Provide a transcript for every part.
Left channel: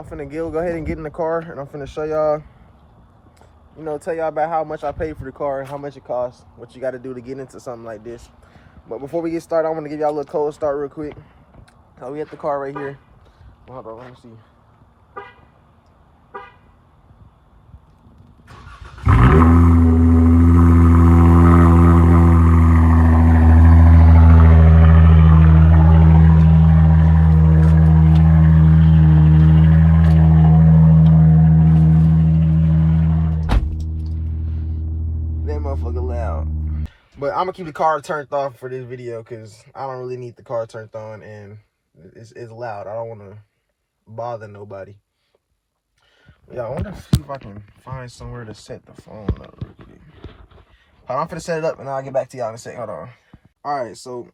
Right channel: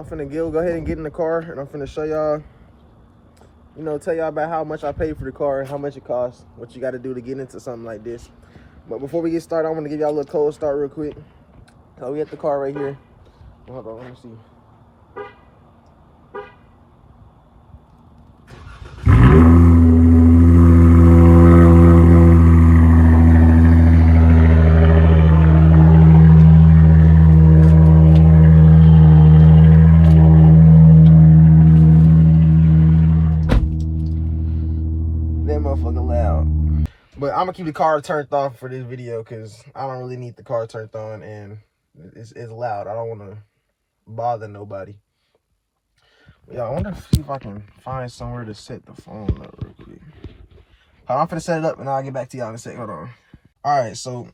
I'm finna go ahead and get in the car, and I'm finna show y'all, you know, tell y'all about how much I paid for the car, how much it costs, what you got to do to get into something like this. But before we get started, I want to give y'all a little cold start real quick. So we at the car right here. Hold on, let me see. But I'm gonna keep the car turned off for this video because I don't really need the car turned on, and it's loud. I don't want to bother nobody. But yeah, I want to see if I can find somewhere to set the phone up real quick. Hold on, I'm finna set it up and I'll get back to y'all in a second. Hold on. All right, so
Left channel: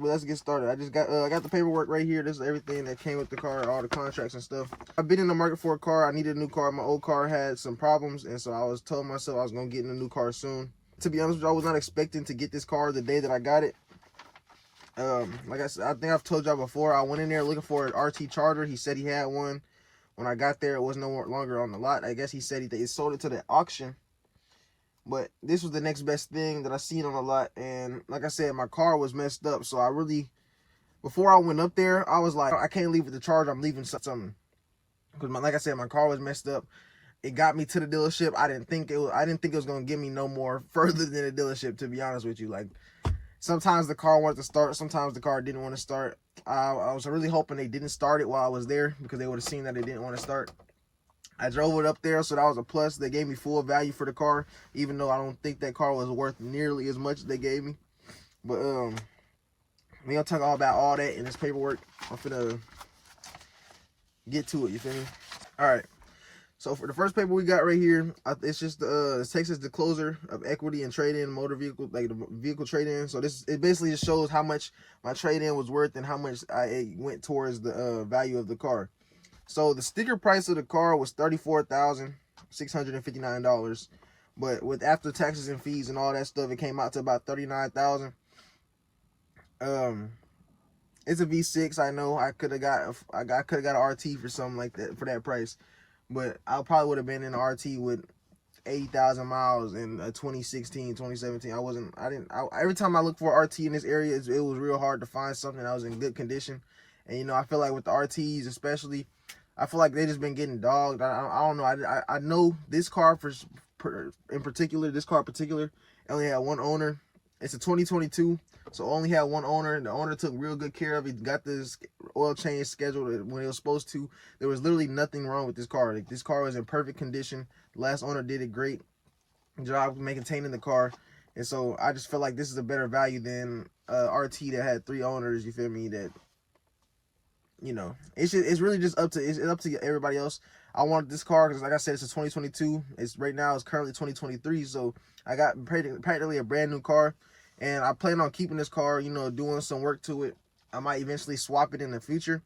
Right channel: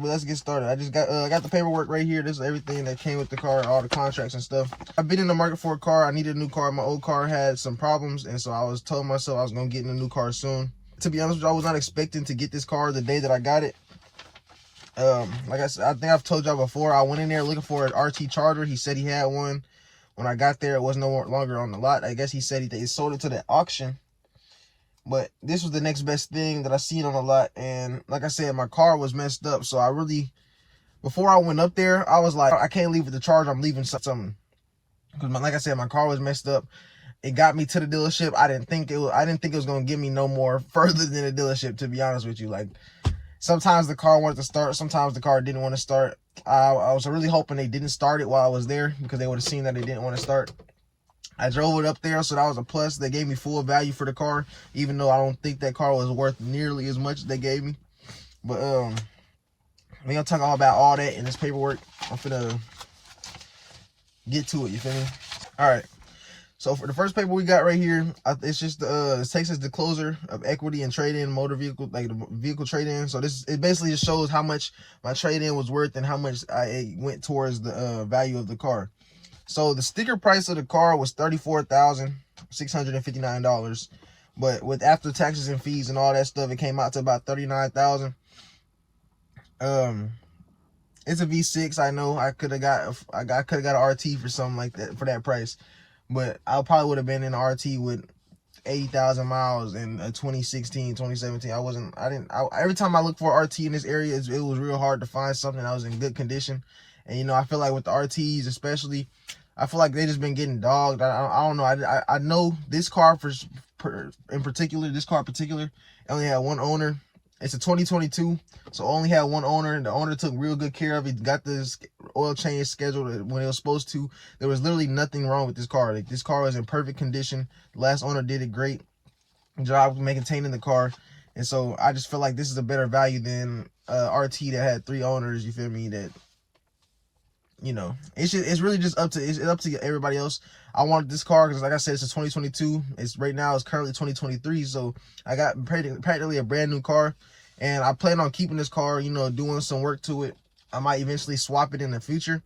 let's get started. I just got the paperwork right here. This is everything that came with the car, all the contracts and stuff. I've been in the market for a car. I needed a new car. My old car had some problems, and so I was told myself I was gonna get in a new car soon. To be honest with you, I was not expecting to get this car the day that I got it. Like I said, I think I've told y'all before, I went in there looking for an RT Charger. He said he had one. When I got there, it was no longer on the lot. I guess he said they sold it to the auction. But this was the next best thing that I seen on the lot. And like I said, my car was messed up. So before I went up there, I was like, I can't leave with the Charger. I'm leaving something. Because like I said, my car was messed up. It got me to the dealership. I didn't think it was gonna get me no more further than the dealership, to be honest with you. Like, sometimes the car wanted to start, sometimes the car didn't want to start. I was really hoping they didn't start it while I was there, because they would have seen that it didn't want to start. I drove it up there, so that was a plus. They gave me full value for the car, even though I don't think that car was worth nearly as much as they gave me. But we're gonna talk all about all that in this paperwork. I'm finna get to it, you feel me? All right. So for the first paper we got right here, it's just the Texas disclosure of equity and trade-in motor vehicle, like the vehicle trade-in. So it basically just shows how much my trade-in was worth and how much I went towards the value of the car. So the sticker price of the car was $34,659, but with after taxes and fees and all that stuff, it came out to about $39,000. It's a V6. I know I could have got an RT for something like that for that price. But I probably would have been in an RT with 80,000 miles in 2016, 2017. Every time I look for an RT in this area, it was real hard to find something that was in good condition. And, you know, I feel like with the RTs especially, I feel like they just been getting dogged. I don't know. I know this car in particular, only had one owner. It's a 2022, so only had one owner. The owner took real good care of it. Got this oil change scheduled when it was supposed to. There was literally nothing wrong with this car. Like, this car was in perfect condition. The last owner did a great job maintaining the car. And so I just feel like this is a better value than RT that had 3 owners, you feel me, that, you know, it's really just up to everybody else. I wanted this car because, like I said, it's a 2022. Right now it's currently 2023, so I got practically a brand new car, and I plan on keeping this car, you know, doing some work to it. I might eventually swap it in the future.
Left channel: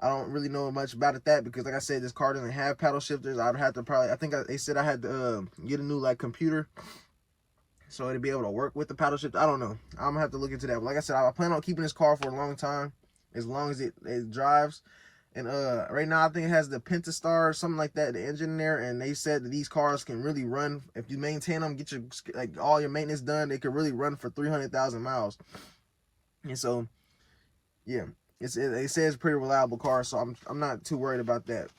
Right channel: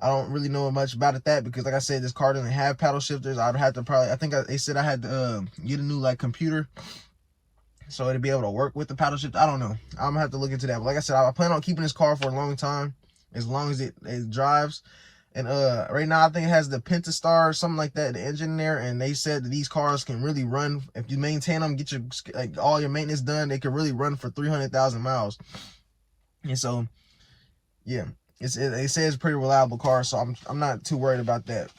I don't really know much about it because, like I said, this car doesn't have paddle shifters. I'd have to they said I had to get a new computer so it'd be able to work with the paddle shift. I don't know. I'm gonna have to look into that. But like I said, I plan on keeping this car for a long time, as long as it drives. And right now I think it has the Pentastar or something like that, the engine there, and they said that these cars can really run, if you maintain them, get your all your maintenance done, they can really run for 300,000 miles. And so yeah, they say it's a pretty reliable car, so I'm not too worried about that.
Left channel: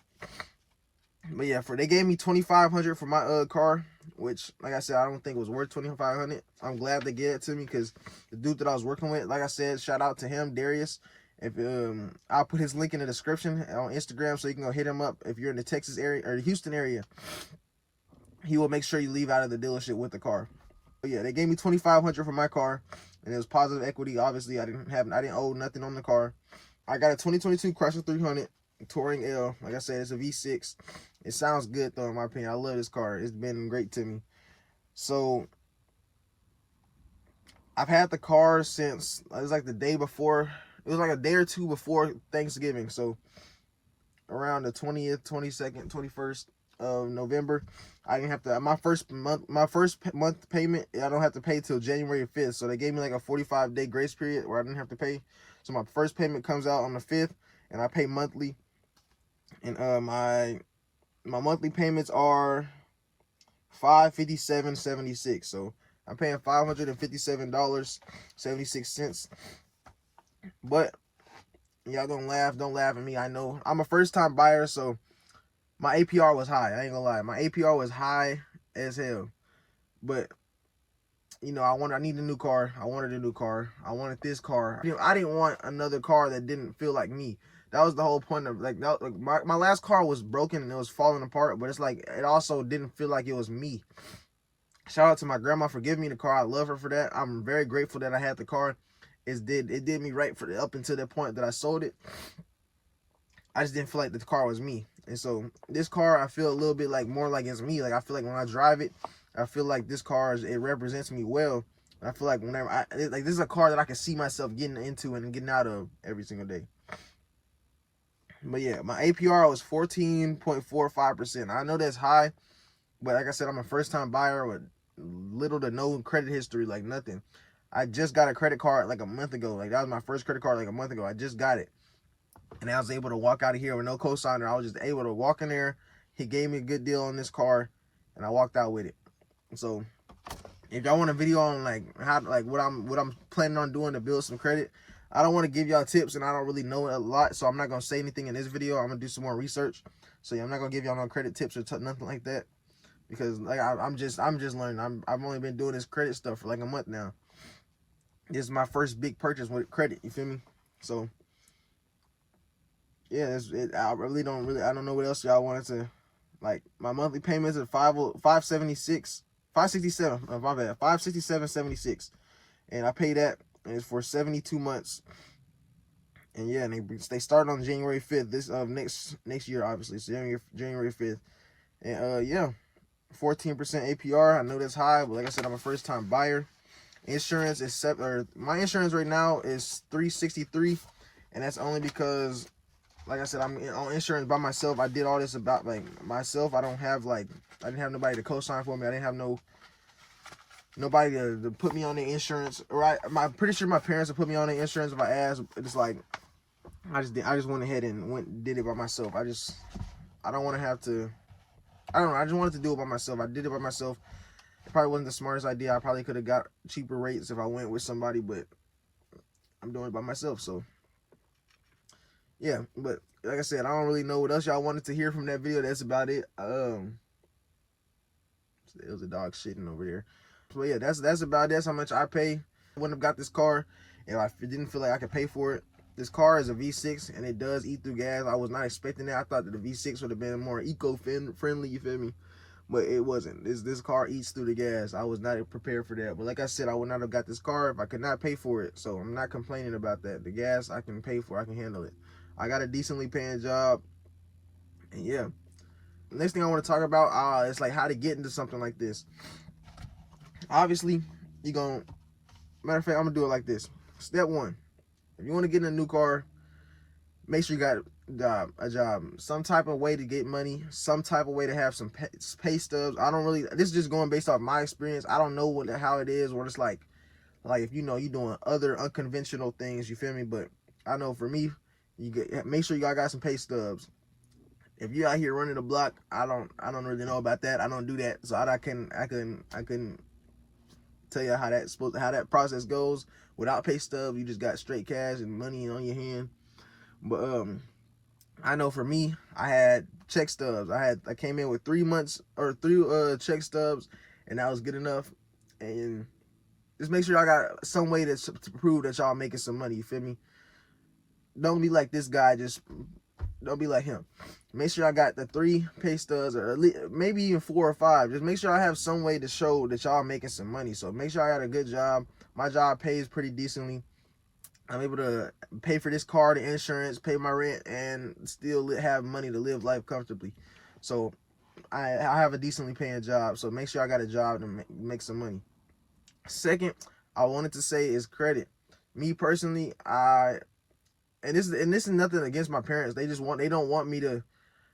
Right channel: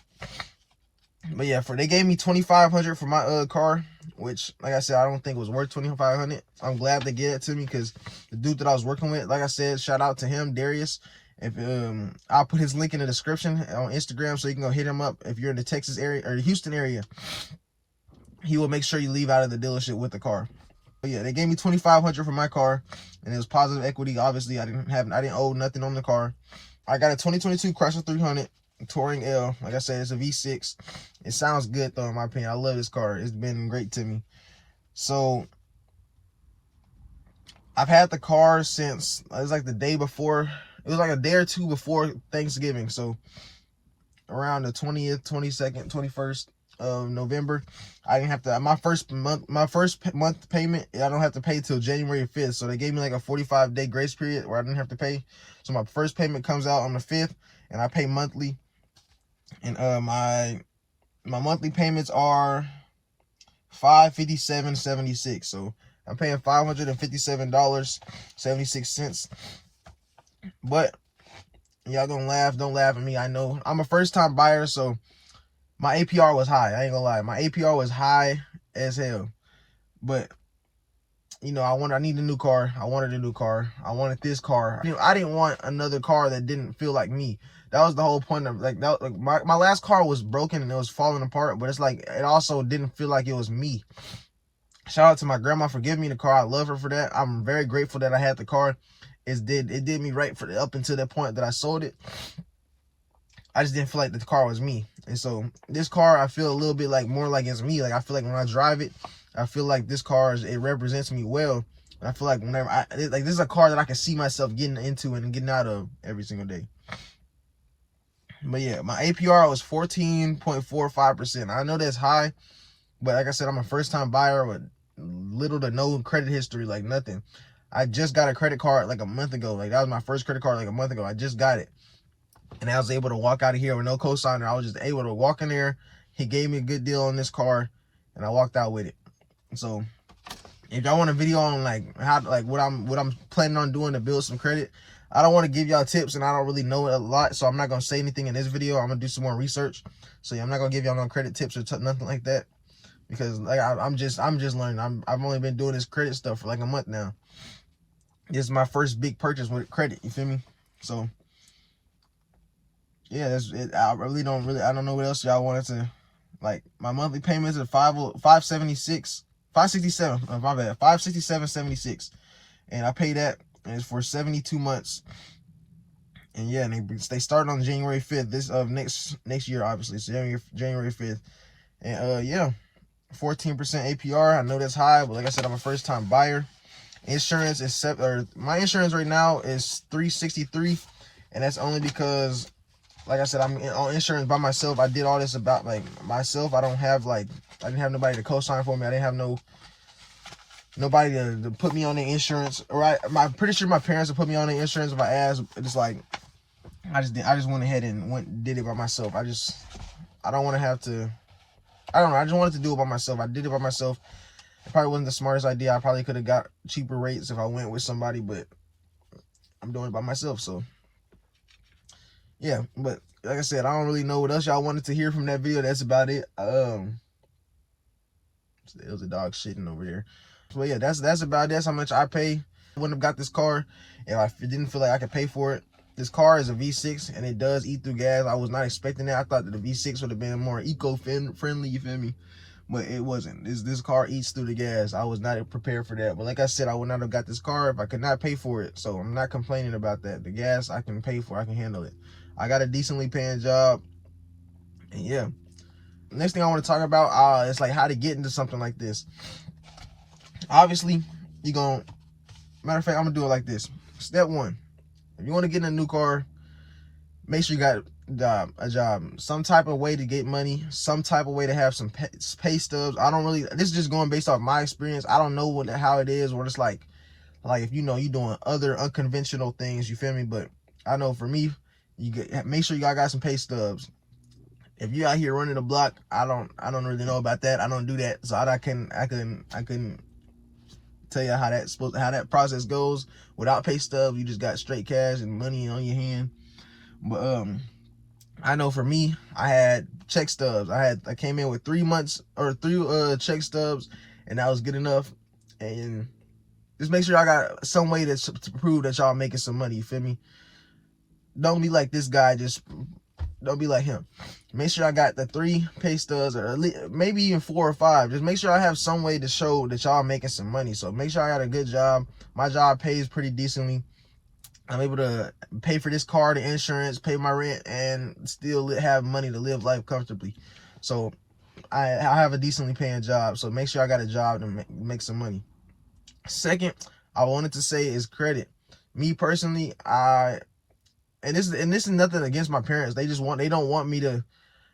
But yeah, they gave me $2,500 for my car, which, like I said, I don't think was worth $2,500. I'm glad they gave it to me because the dude that I was working with, like I said, shout out to him, Darius. If I'll put his link in the description on Instagram, so you can go hit him up if you're in the Texas area or the Houston area. He will make sure you leave out of the dealership with the car. But yeah, they gave me $2,500 for my car, and it was positive equity. Obviously, I didn't owe nothing on the car. I got a 2022 Chrysler 300 Touring L. Like I said, it's a V6. It sounds good though, in my opinion. I love this car. It's been great to me. So I've had the car since it was like the day before. It was like a day or two before Thanksgiving. So around the 20th, 22nd, 21st of November, I didn't have to. My first month payment, I don't have to pay till January 5th. So they gave me like a 45-day grace period where I didn't have to pay. So my first payment comes out on the 5th, and I pay monthly. And my monthly payments are $557.76. So I'm paying $557.76. But y'all gonna laugh, don't laugh at me. I know I'm a first time buyer, so my APR was high. I ain't gonna lie. My APR was high as hell. But you know, I need a new car. I wanted a new car. I wanted this car. I didn't want another car that didn't feel like me. That was the whole point of like my last car was broken and it was falling apart, but it's like it also didn't feel like it was me. Shout out to my grandma for giving me the car. I love her for that. I'm very grateful that I had the car. It did me right for up until that point that I sold it. I just didn't feel like the car was me. And so this car, I feel a little bit like more like it's me. Like I feel like when I drive it, I feel like this car it represents me well. And I feel like whenever like this is a car that I can see myself getting into and getting out of every single day. But yeah, my APR was 14.45%. I know that's high, but like I said, I'm a first time buyer with little to no credit history, like nothing. I just got a credit card like a month ago. Like that was my first credit card like a month ago. I just got it. And I was able to walk out of here with no cosigner. I was just able to walk in there. He gave me a good deal on this car, and I walked out with it. So, if y'all want a video on like how what I'm planning on doing to build some credit, I don't want to give y'all tips, and I don't really know a lot, so I'm not gonna say anything in this video. I'm gonna do some more research. So yeah, I'm not gonna give y'all no credit tips or nothing like that, because like I'm just learning. I've only been doing this credit stuff for like a month now. This is my first big purchase with credit. You feel me? So. Yeah, that's it. I don't know what else y'all wanted to, like, my monthly payments are 567, my bad, 567.76, and I pay that, and it's for 72 months, and yeah, and they start on January 5th, this of next year, obviously, so January 5th, and yeah, 14% APR, I know that's high, but like I said, I'm a first time buyer. Insurance is my insurance right now is $363, and that's only because, like I said, I'm on insurance by myself. I did all this about like myself. I didn't have nobody to co-sign for me. I didn't have nobody to put me on the insurance. I'm pretty sure my parents would put me on the insurance if I asked. It's like I just went ahead and did it by myself. I don't want to have to. I don't know. I just wanted to do it by myself. I did it by myself. It probably wasn't the smartest idea. I probably could have got cheaper rates if I went with somebody, but I'm doing it by myself. So. Yeah, but like I said, I don't really know what else y'all wanted to hear from that video. That's about it. There was a dog shitting over there. But yeah, that's about it. That's how much I pay. I wouldn't have got this car if I didn't feel like I could pay for it. This car is a V6 and it does eat through gas. I was not expecting that. I thought that the V6 would have been more eco-friendly, you feel me? But it wasn't. This car eats through the gas. I was not prepared for that. But like I said, I would not have got this car if I could not pay for it. So I'm not complaining about that. The gas I can pay for. I can handle it. I got a decently paying job. And yeah. Next thing I want to talk about is like how to get into something like this. Obviously, matter of fact, I'm going to do it like this. Step one. If you want to get in a new car, make sure you got a job, some type of way to get money, some type of way to have some pay stubs. This is just going based off my experience. I don't know how it is, what it's like if you're doing other unconventional things, you feel me? But I know for me, make sure you got some pay stubs. If you out here running the block, I don't really know about that. I don't do that, so I couldn't tell you how that process goes. Without pay stubs, you just got straight cash and money on your hand. But I know for me, I had check stubs. I came in with 3 months or 3 check stubs, and that was good enough. And just make sure I got some way to prove that y'all making some money. You feel me? Don't be like this guy. Just don't be like him. Make sure I got the 3 pay stubs, or at least, maybe even 4 or 5. Just make sure I have some way to show that y'all making some money. So make sure I got a good job. My job pays pretty decently. I'm able to pay for this car, the insurance, pay my rent, and still have money to live life comfortably. So I have a decently paying job. So make sure I got a job to make some money. Second, I wanted to say is credit. Me personally, and this is nothing against my parents. They don't want me to.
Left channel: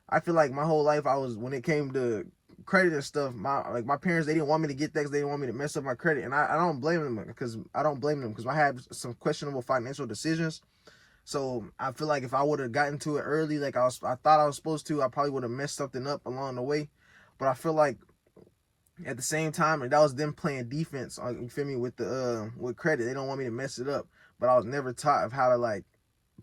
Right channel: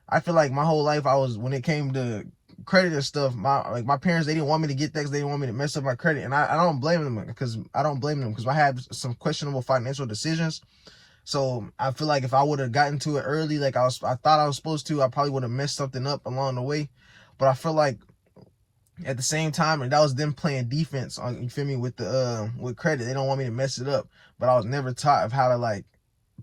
I feel like my whole life when it came to credit and stuff, my parents, they didn't want me to get that because they didn't want me to mess up my credit, and I don't blame them because I had some questionable financial decisions. So I feel like if I would have gotten to it early, like I thought I was supposed to, I probably would have messed something up along the way. But I feel like at the same time, and that was them playing defense on, you feel me, with the with credit. They don't want me to mess it up, but I was never taught of how to like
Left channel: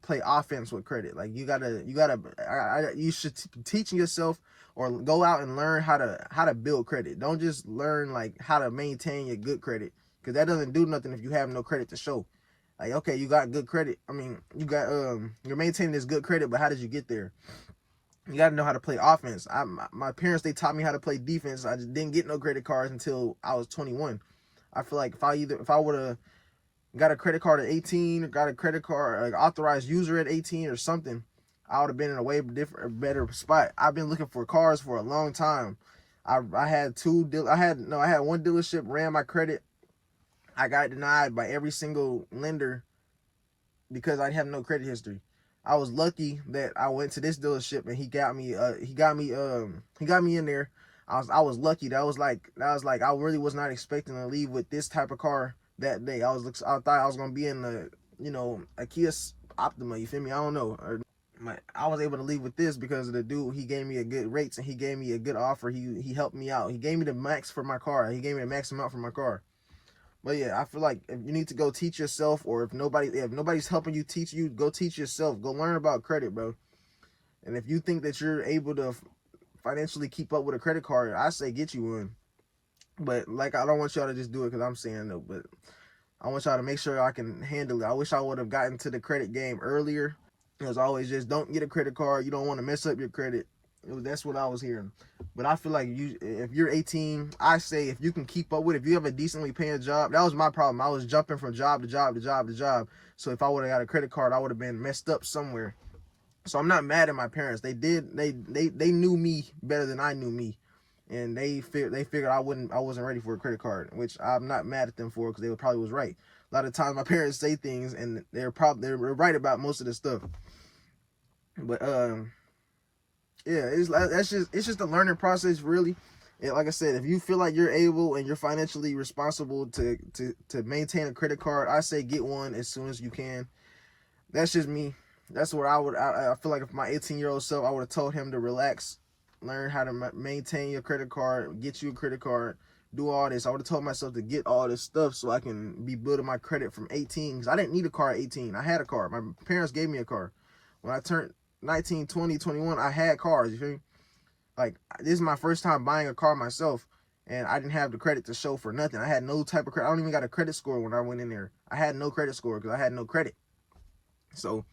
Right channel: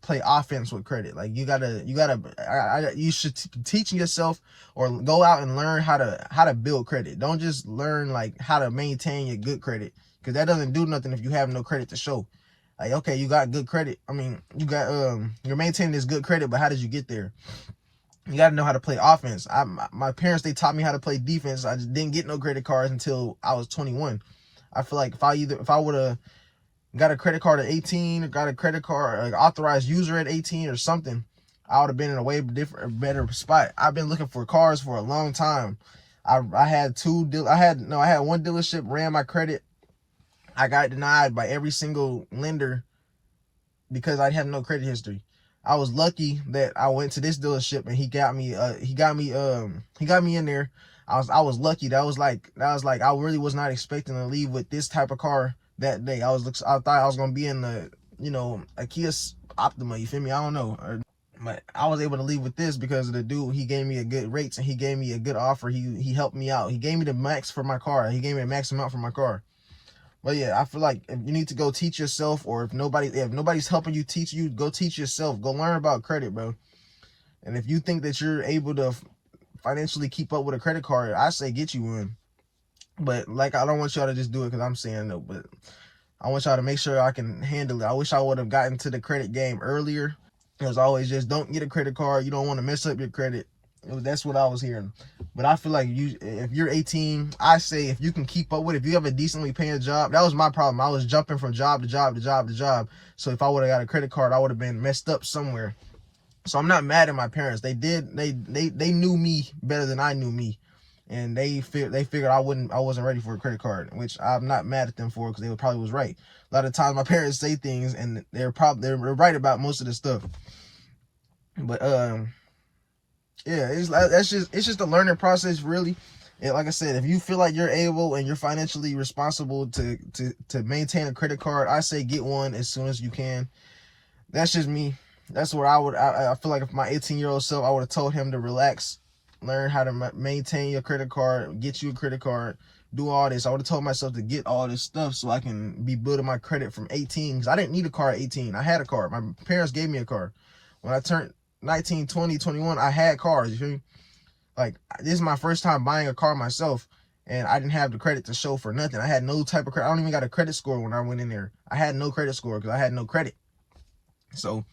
play offense with credit. Like you should teaching yourself or go out and learn how to build credit. Don't just learn like how to maintain your good credit, because that doesn't do nothing if you have no credit to show. Like, okay, you got good credit. I mean, you got you're maintaining this good credit, but how did you get there? You got to know how to play offense. My parents, they taught me how to play defense. I just didn't get no credit cards until I was 21. I feel like if I would have got a credit card at 18, or got a credit card, like authorized user at 18 or something, I would have been in a way different, better spot. I've been looking for cars for a long time. I had one dealership ran my credit. I got denied by every single lender because I have no credit history. I was lucky that I went to this dealership and he got me in there. I was lucky. That was like I really was not expecting to leave with this type of car that day. I thought I was gonna be in the, you know, a Kia Optima, you feel me? I don't know. But I was able to leave with this because of the dude. He gave me a good rates and he gave me a good offer. He helped me out. He gave me the max for my car. He gave me the max amount for my car. But yeah, I feel like if you need to go teach yourself, or if nobody's helping you teach you, go teach yourself. Go learn about credit, bro. And if you think that you're able to financially keep up with a credit card, I say get you one. But like, I don't want y'all to just do it because I'm saying no, but I want y'all to make sure I can handle it. I wish I would have gotten to the credit game earlier. As always, just don't get a credit card. You don't want to mess up your credit. That's what I was hearing. But I feel like if you're 18, I say if you can keep up with it, if you have a decently paying job. That was my problem. I was jumping from job to job to job to job. So if I would have got a credit card, I would have been messed up somewhere. So I'm not mad at my parents. They knew me better than I knew me. And they figured I wasn't ready for a credit card, which I'm not mad at them for, because they probably was right. A lot of times my parents say things and they're right about most of the stuff. But yeah, it's just a learning process, really. And like I said, if you feel like you're able and you're financially responsible to maintain a credit card, I say get one as soon as you can. That's just me. That's where I feel like if my 18-year-old self, I would have told him to relax, learn how to maintain your credit card, get you a credit card, do all this. I would have told myself to get all this stuff so I can be building my credit from 18, because I didn't need a car at 18. I had a car. My parents gave me a car. When I turned 19, 20, 21, I had cars, you feel me? Like, this is my first time buying a car myself, and I didn't have the credit to show for nothing. I had no type of credit. I don't even got a credit score when I went in there. I had no credit score because I had no credit. So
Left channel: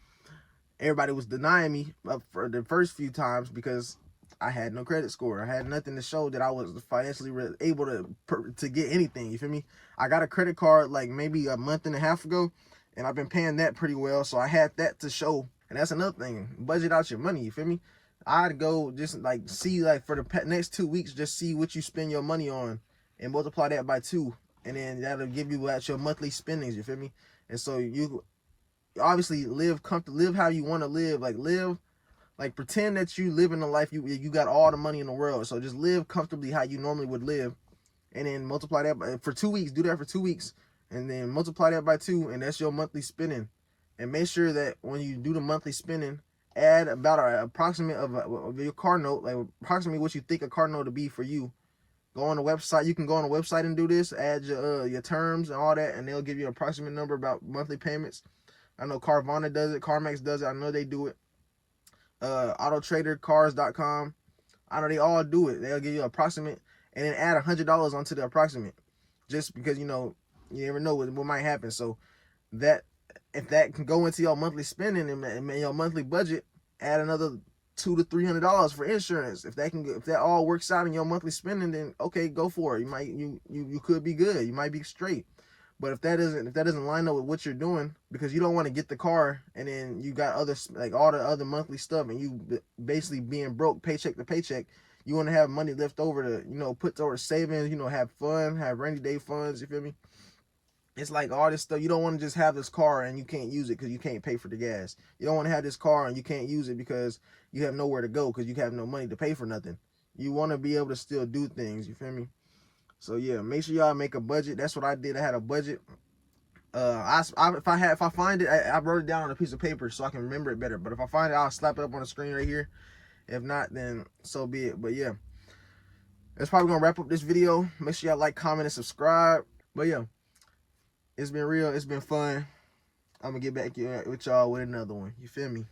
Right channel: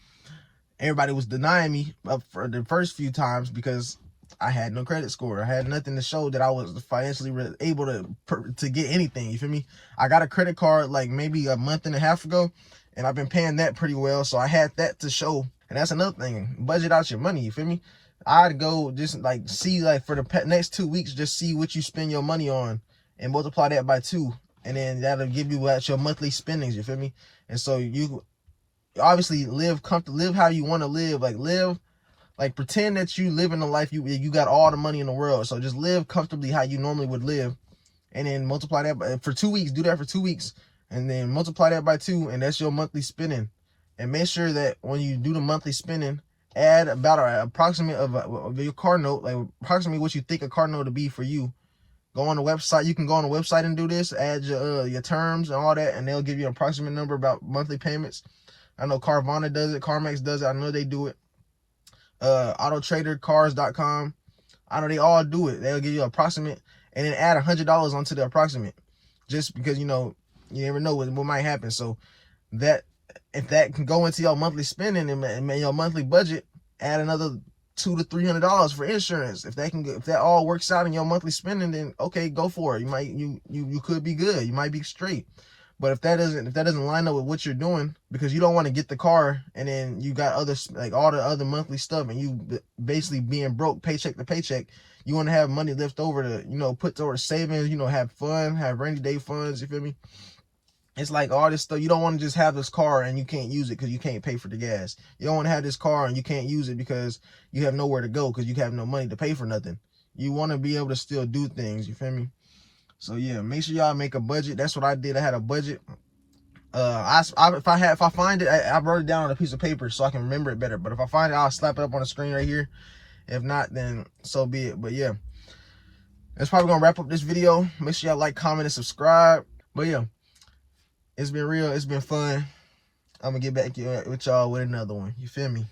everybody was denying me for the first few times because I had no credit score. I had nothing to show that I was financially able to get anything, you feel me? I got a credit card like maybe a month and a half ago, and I've been paying that pretty well, so I had that to show. And that's another thing. Budget out your money, you feel me? I'd go just like see, like for the next 2 weeks, just see what you spend your money on and multiply that by 2. And then that'll give you at your monthly spendings, you feel me? And so you obviously live comfortable, live how you want to live. Like pretend that you live in a life you got all the money in the world. So just live comfortably how you normally would live. And then multiply that for 2 weeks. Do that for 2 weeks. And then multiply that by 2, and that's your monthly spending. And make sure that when you do the monthly spending, add about an approximate of your car note, like approximately what you think a car note to be for you. Go on the website. You can go on the website and do this. Add your terms and all that, and they'll give you an approximate number about monthly payments. I know Carvana does it. CarMax does it. I know they do it. AutoTraderCars.com. I know they all do it. They'll give you an approximate, and then add $100 onto the approximate, just because you never know what might happen. So that, if that can go into your monthly spending and your monthly budget, add another $200 to $300 for insurance. If that all works out in your monthly spending, then okay, go for it. You could be good. You might be straight. But if that doesn't line up with what you're doing, because you don't want to get the car and then you got all the other monthly stuff, and you basically being broke paycheck to paycheck, you want to have money left over to put towards savings, have fun, have rainy day funds. You feel me? It's like all this stuff. You don't want to just have this car and you can't use it because you can't pay for the gas. You don't want to have this car and you can't use it because you have nowhere to go because you have no money to pay for nothing. You want to be able to still do things. You feel me? So yeah, make sure y'all make a budget. That's what I did. I had a budget. If I find it, I wrote it down on a piece of paper so I can remember it better. But if I find it, I'll slap it up on the screen right here. If not, then so be it. But yeah, that's probably gonna wrap up this video. Make sure y'all like, comment, and subscribe. But yeah, it's been real. It's been fun. I'm gonna get back with y'all with another one. You feel me?